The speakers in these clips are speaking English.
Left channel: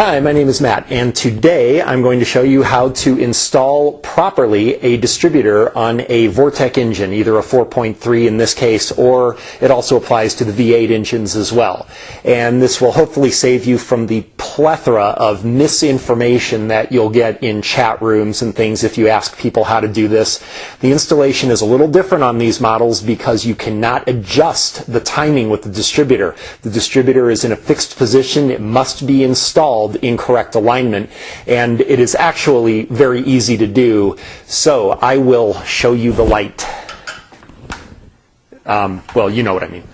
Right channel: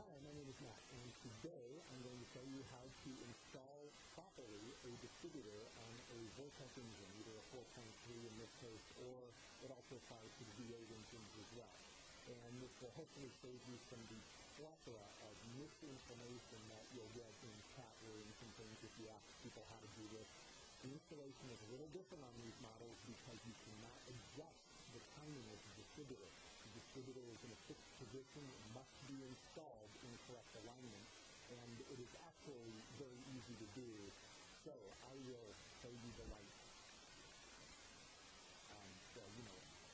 Hi, my name is Matt, and today I'm going to show you how to install properly a distributor on a Vortec engine, either a 4.3 in this case, or it also applies to the V8 engines as well. And this will hopefully save you from the plethora of misinformation that you'll get in chat rooms and things if you ask people how to do this. The installation is a little different on these models because you cannot adjust the timing with the distributor. The distributor is in a fixed position. It must be installed in correct alignment, and it is actually very easy to do. So I will show you the light. Well, you know what I mean.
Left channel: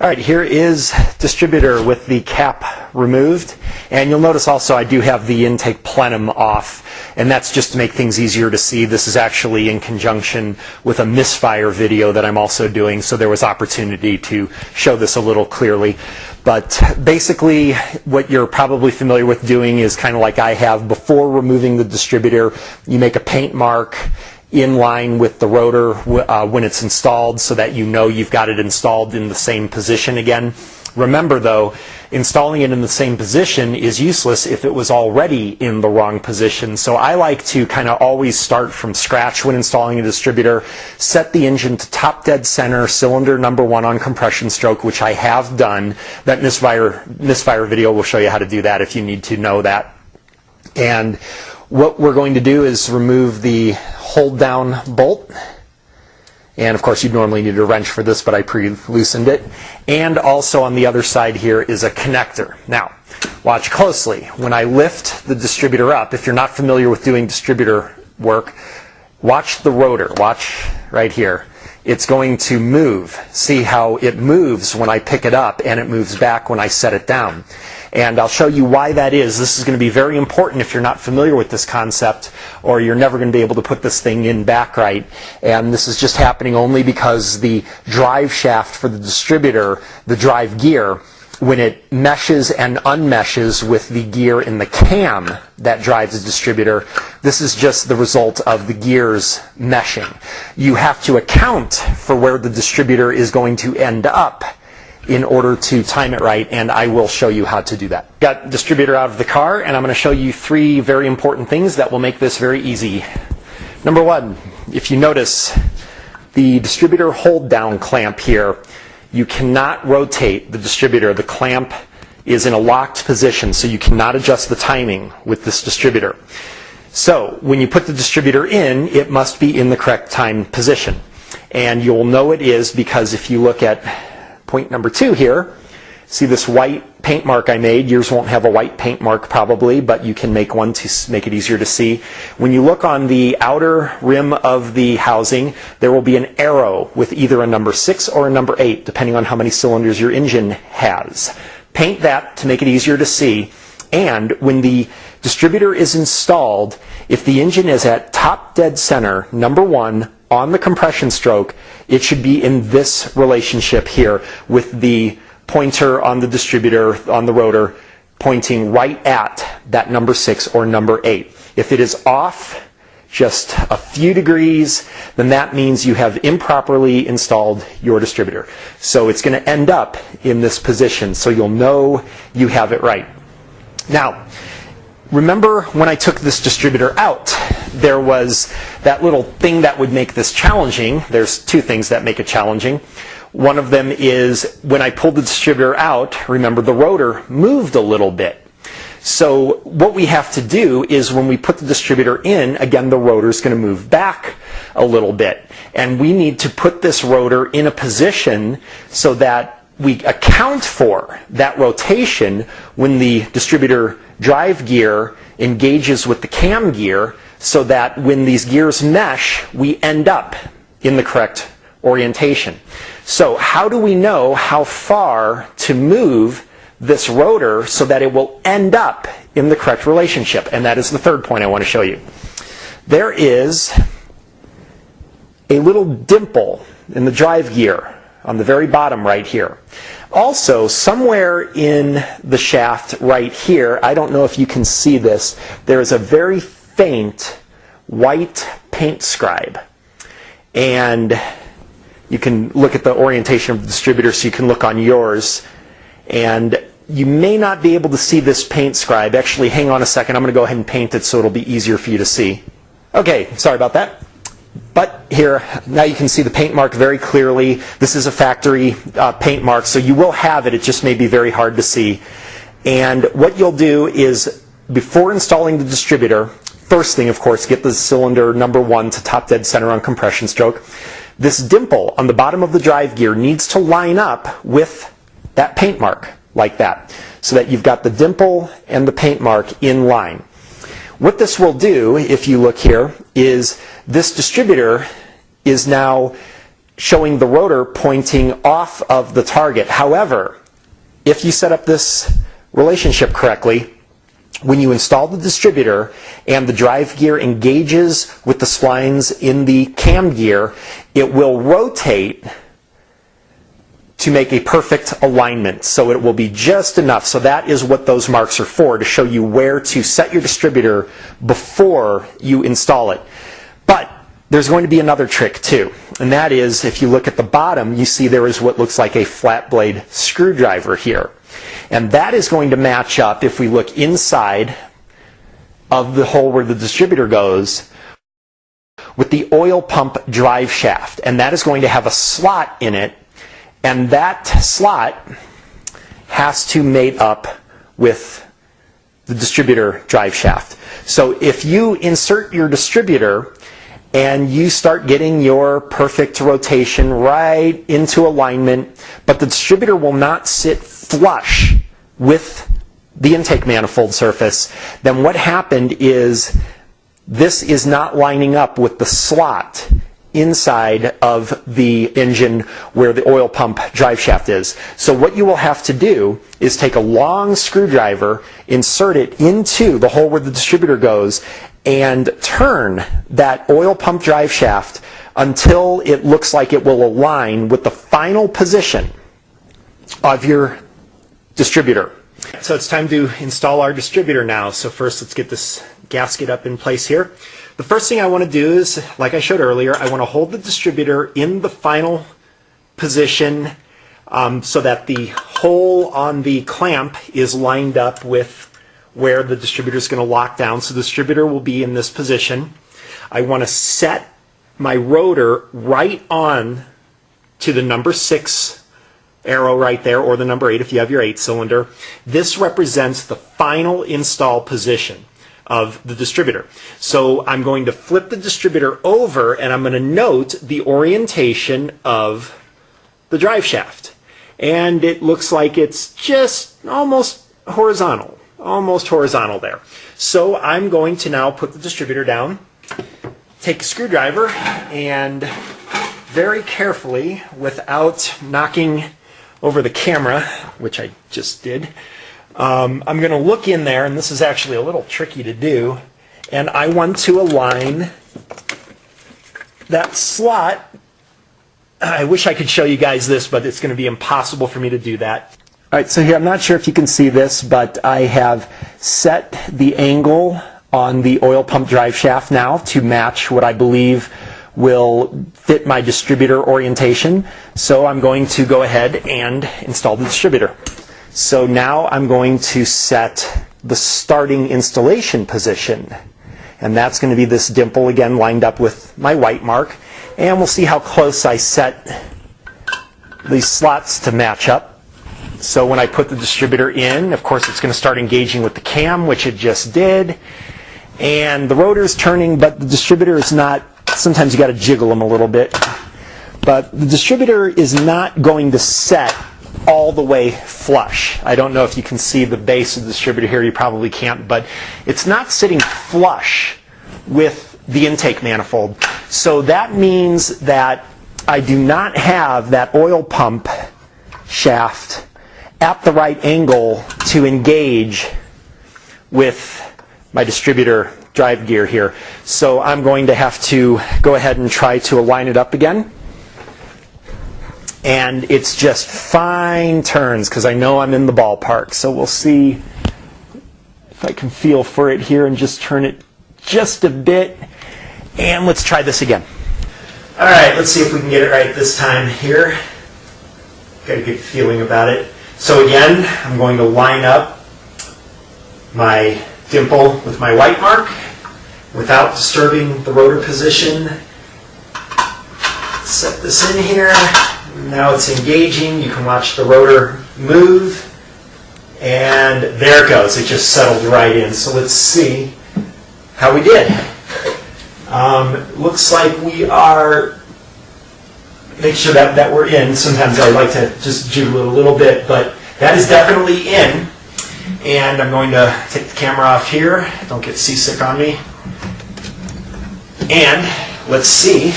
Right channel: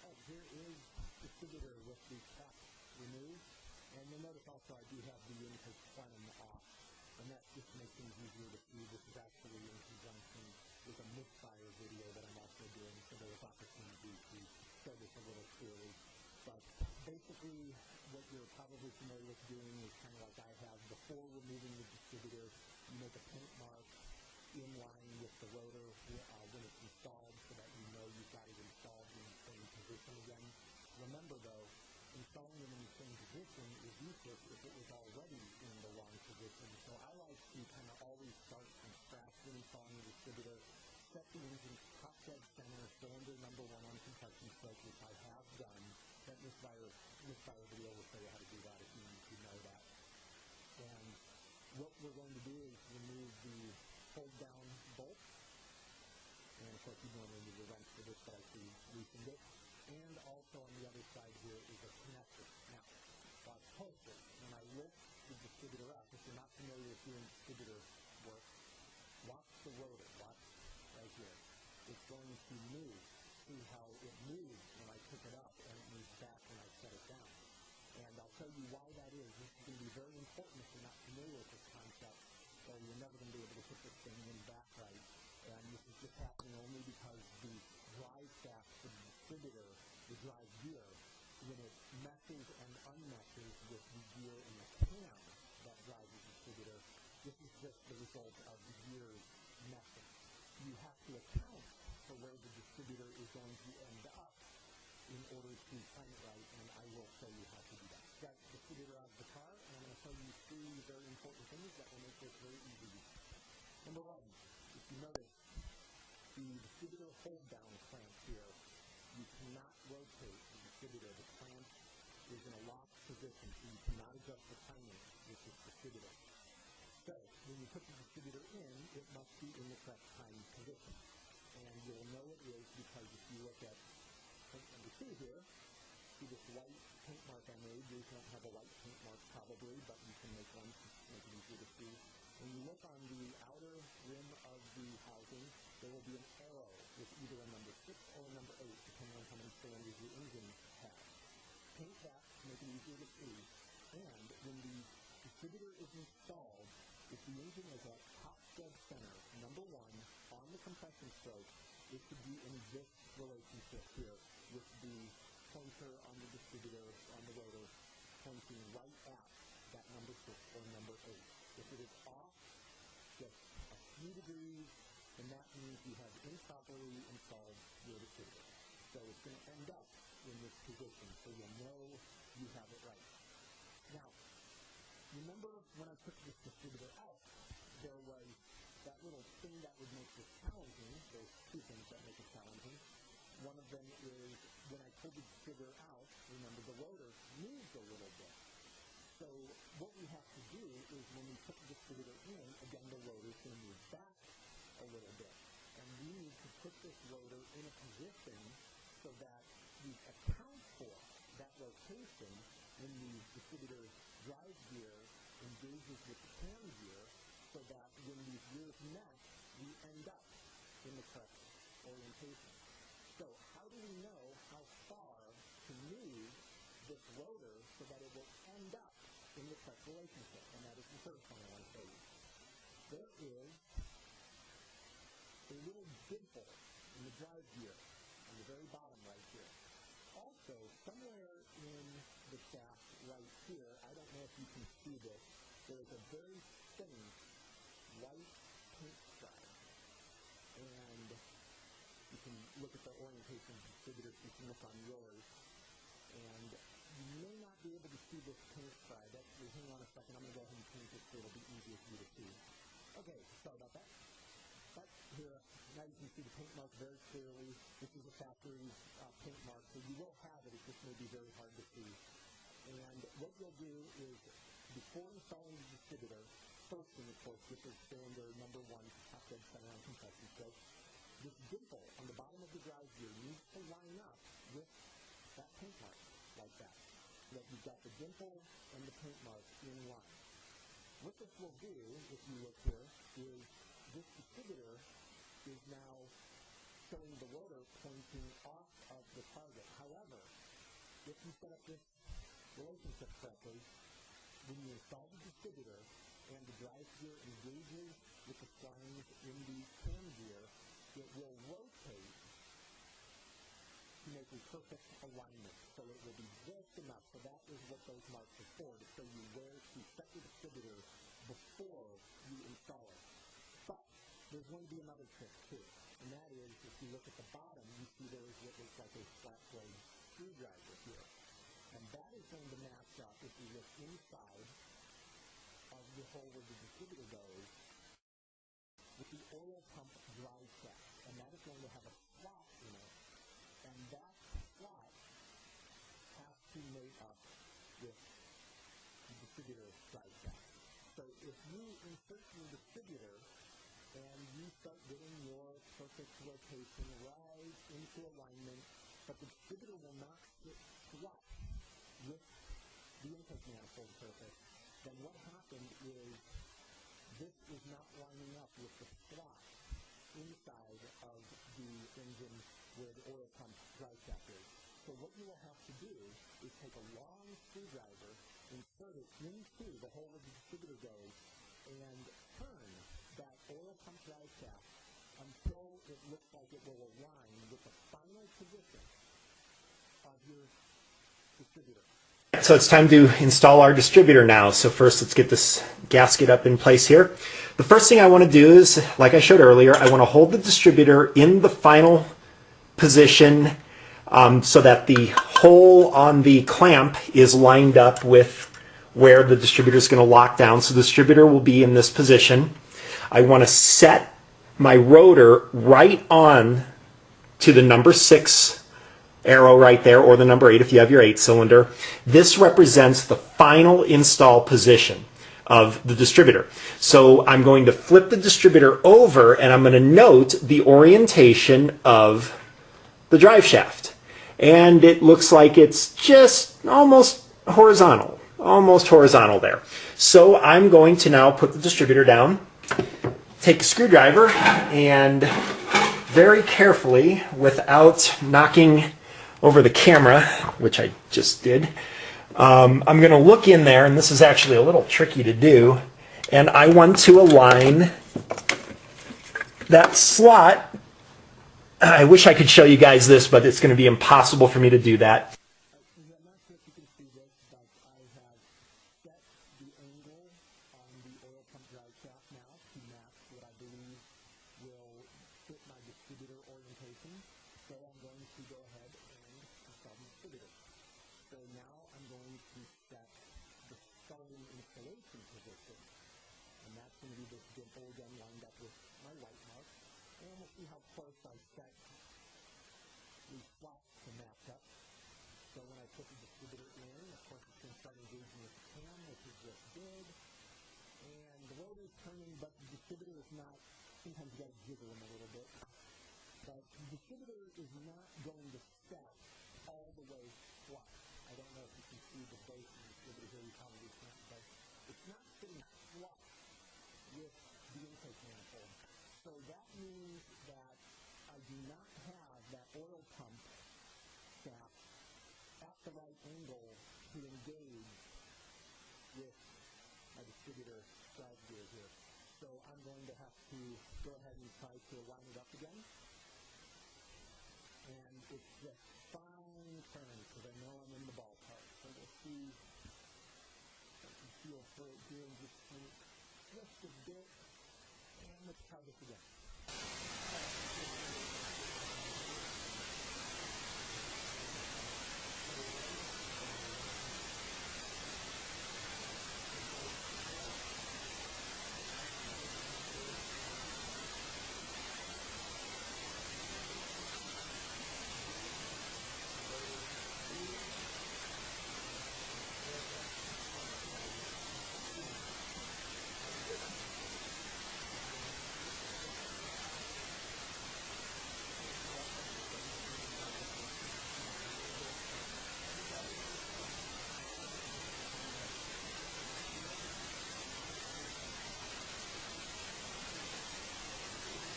All right, here is distributor with the cap removed, and you'll notice also I do have the intake plenum off, and that's just to make things easier to see. This is actually in conjunction with a misfire video that I'm also doing, so there was opportunity to show this a little clearly. But basically what you're probably familiar with doing is kind of like I have. Before removing the distributor, you make a paint mark in line with the rotor when it's installed so that you know you've got it installed in the same position again. Remember though, installing it in the same position is useless if it was already in the wrong position. So I like to kind of always start from scratch when installing a distributor, set the engine to top dead center, cylinder number 1 on compression stroke, which I have done. That misfire video will show you how to do that if you need to know that. And what we're going to do is remove the hold down bolt. And of course you'd normally need a wrench for this, but I pre-loosened it. And also on the other side here is a connector. Now, watch closely. When I lift the distributor up, if you're not familiar with doing distributor work, watch the rotor. Watch right here. It's going to move. See how it moves when I pick it up, and it moves back when I set it down. And I'll show you why that is. This is going to be very important if you're not familiar with this concept, or you're never going to be able to put this thing in back right. And this is just happening only because the drive shaft for the distributor, the drive gear, when it meshes and unmeshes with the gear in the cam that drives the distributor, this is just the result of the gears meshing. You have to account for where the distributor is going to end up in order to time it right, and I will show you how to do that. Got distributor out of the car, and I'm going to show you 3 very important things that will make this very easy. Number 1, if you notice the distributor hold down clamp here, you cannot rotate the distributor. The clamp is in a locked position, so you cannot adjust the timing with this distributor. So when you put the distributor in, it must be in the correct time position. And you'll know it is because if you look at point number 2 here, see this white paint mark I made. Yours won't have a white paint mark probably, but you can make one to make it easier to see. When you look on the outer rim of the housing, there will be an arrow with either a number 6 or a number 8, depending on how many cylinders your engine has. Paint that to make it easier to see. And when the distributor is installed, if the engine is at top dead center, number 1, on the compression stroke, it should be in this relationship here with the pointer on the distributor, on the rotor, pointing right at that number 6 or number 8. If it is off just a few degrees, then that means you have improperly installed your distributor. So it's going to end up in this position, so you'll know you have it right. Now, remember when I took this distributor out, there was that little thing that would make this challenging. There's 2 things that make it challenging. One of them is when I pulled the distributor out, remember the rotor moved a little bit. So what we have to do is when we put the distributor in, again the rotor is going to move back a little bit. And we need to put this rotor in a position so that we account for that rotation when the distributor drive gear engages with the cam gear, so that when these gears mesh, we end up in the correct orientation. So how do we know how far to move this rotor so that it will end up in the correct relationship? And that is the 3rd point I want to show you. There is a little dimple in the drive gear on the very bottom right here. Also, somewhere in the shaft right here, I don't know if you can see this, there is a very faint white paint scribe. And you can look at the orientation of the distributor, so you can look on yours. And you may not be able to see this paint scribe. Actually, hang on a second. I'm going to go ahead and paint it so it'll be easier for you to see. Okay, sorry about that. But here, now you can see the paint mark very clearly. This is a factory paint mark, so you will have it. It just may be very hard to see. And what you'll do is, before installing the distributor, first thing, of course, get the cylinder number 1 to top dead center on compression stroke. This dimple on the bottom of the drive gear needs to line up with that paint mark, like that, so that you've got the dimple and the paint mark in line. What this will do, if you look here, is this distributor is now showing the rotor pointing off of the target. However, if you set up this relationship correctly, when you install the distributor and the drive gear engages with the splines in the cam gear, it will rotate to make a perfect alignment. So it will be just enough. So that is what those marks are for, to show you where to set your distributor before you install it. But there's going to be another trick too, and that is, if you look at the bottom, you see there is what looks like a flat blade screwdriver here. And that is going to match up, if we look inside of the hole where the distributor goes, with the oil pump drive shaft. And that is going to have a slot in it, and that slot has to mate up with the distributor drive shaft. So if you insert your distributor and you start getting your perfect rotation right into alignment, but the distributor will not sit flush with the intake manifold surface, then what happened is this is not lining up with the slot inside of the engine where the oil pump drive shaft is. So what you will have to do is take a long screwdriver, insert it into the hole where the distributor goes, and turn that oil pump drive shaft until it looks like it will align with the final position of your distributor. So it's time to install our distributor now. So first, let's get this gasket up in place here. The first thing I want to do is, like I showed earlier, I want to hold the distributor in the final position so that the hole on the clamp is lined up with where the distributor is going to lock down. So the distributor will be in this position. I want to set my rotor right on to the number 6 arrow right there, or the number 8 if you have your 8-cylinder. This represents the final install position of the distributor. So I'm going to flip the distributor over, and I'm going to note the orientation of the drive shaft. And it looks like it's just almost horizontal there. So I'm going to now put the distributor down, take a screwdriver, and very carefully, without knocking over the camera, which I just did, I'm going to look in there, and this is actually a little tricky to do, and I want to align that slot. I wish I could show you guys this, but it's going to be impossible for me to do that. All right, so here, I'm not sure if you can see this, but I have set the angle on the oil pump drive shaft now to match what I believe will fit my distributor orientation. So I'm going to go ahead and install the distributor. So now I'm going to set the starting installation position, and that's going to be this dimple again lined up with my white mark, and we'll see how close I set these slots to match up. So when I put the distributor in, of course it's going to start engaging with the cam, which it just did, and the rotor is turning, but the distributor is not. Sometimes you got to jiggle them a little bit, but the distributor is not going to set all the way flush. I don't know if you can see the base of the distributor here. You probably can't, but it's not sitting flush with the intake manifold. So that means that I do not have that oil pump shaft at the right angle to engage with my distributor drive gear here. So I'm going to have to go ahead and try to align it up again. And it's just fine turns because I know I'm in the ballpark. So we'll see if I can feel for it here and just turn it just a bit. And let's try this again. All right, let's see if we can get it right this time here. Got a good feeling about it. So again, I'm going to line up my dimple with my white mark without disturbing the rotor position. Set this in here. Now it's engaging. You can watch the rotor move. And there it goes. It just settled right in. So let's see how we did. Looks like we are, make sure that we're in. Sometimes I like to just jiggle it a little bit, but that is definitely in. And I'm going to take the camera off here. Don't get seasick on me. And let's see.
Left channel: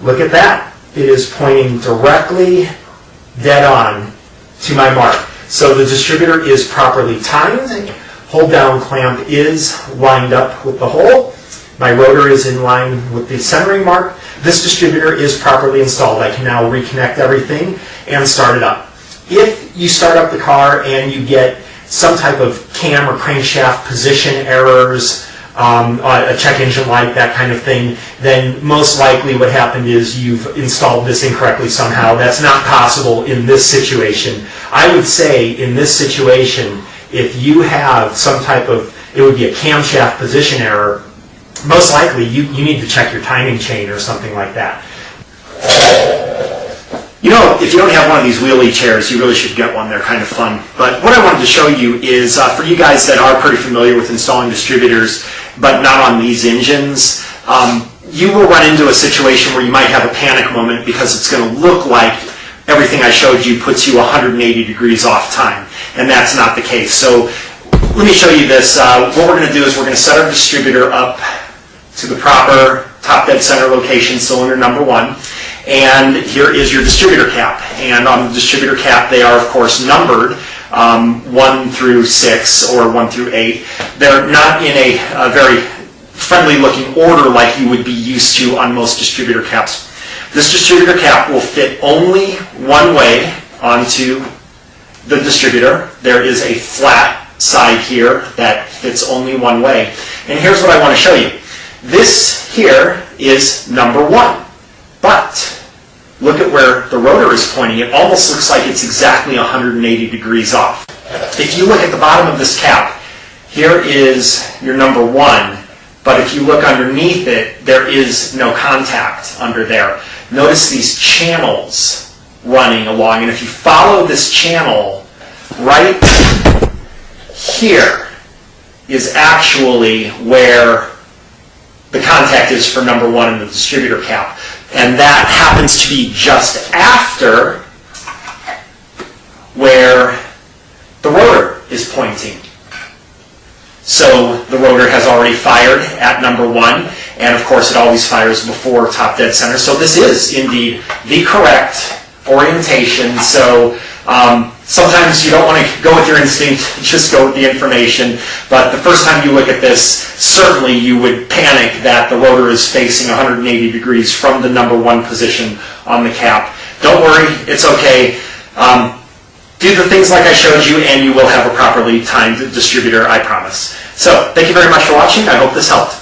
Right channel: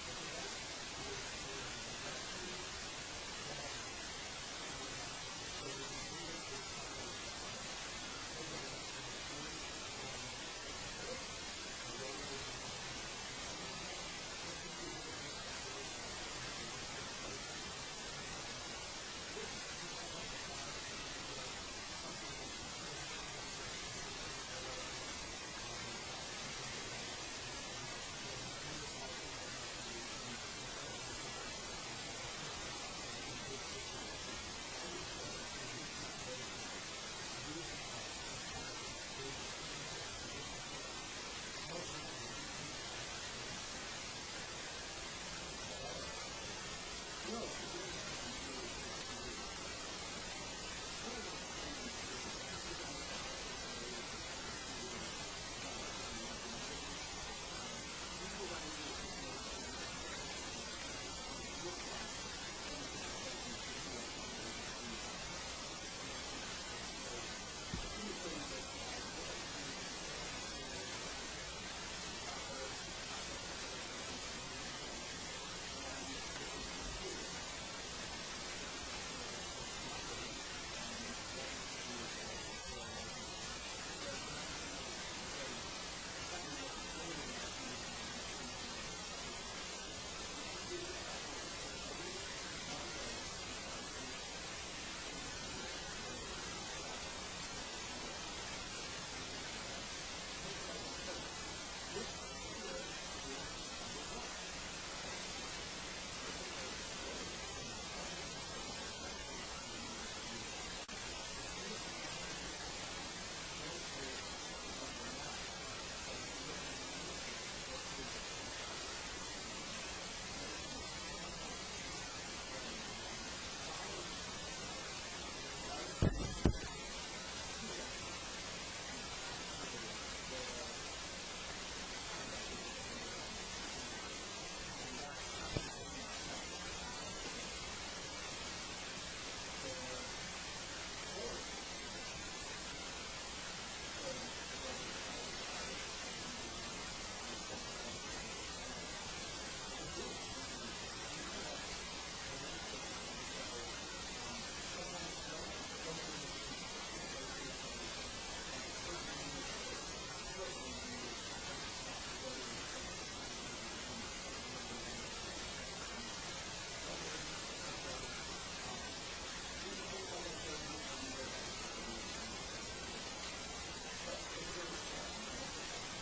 Look at that. It is pointing directly dead on to my mark. So the distributor is properly timed. Hold down clamp is lined up with the hole. My rotor is in line with the centering mark. This distributor is properly installed. I can now reconnect everything and start it up. If you start up the car and you get some type of cam or crankshaft position errors, a check engine light, that kind of thing, then most likely what happened is you've installed this incorrectly somehow. That's not possible in this situation. I would say in this situation, if you have some type of, it would be a camshaft position error, most likely you need to check your timing chain or something like that. You know, if you don't have one of these wheelie chairs, you really should get one. They're kind of fun. But what I wanted to show you is, for you guys that are pretty familiar with installing distributors, but not on these engines, you will run into a situation where you might have a panic moment because it's going to look like everything I showed you puts you 180 degrees off time. And that's not the case. So let me show you this. What we're going to do is we're going to set our distributor up to the proper top dead center location, cylinder number 1. And here is your distributor cap. And on the distributor cap, they are, of course, numbered 1 through 6 or 1 through 8. They're not in a very friendly-looking order like you would be used to on most distributor caps. This distributor cap will fit only one way onto the distributor. There is a flat side here that fits only one way. And here's what I want to show you. This here is number 1. But look at where the rotor is pointing. It almost looks like it's exactly 180 degrees off. If you look at the bottom of this cap, here is your number 1. But if you look underneath it, there is no contact under there. Notice these channels running along. And if you follow this channel, right here is actually where the contact is for number 1 in the distributor cap. And that happens to be just after where the rotor is pointing. So the rotor has already fired at number 1, and of course it always fires before top dead center. So this is indeed the correct orientation. So sometimes you don't want to go with your instinct, just go with the information. But the first time you look at this, certainly you would panic that the rotor is facing 180 degrees from the number 1 position on the cap. Don't worry, it's okay. Do the things like I showed you and you will have a properly timed distributor, I promise. So, thank you very much for watching. I hope this helped.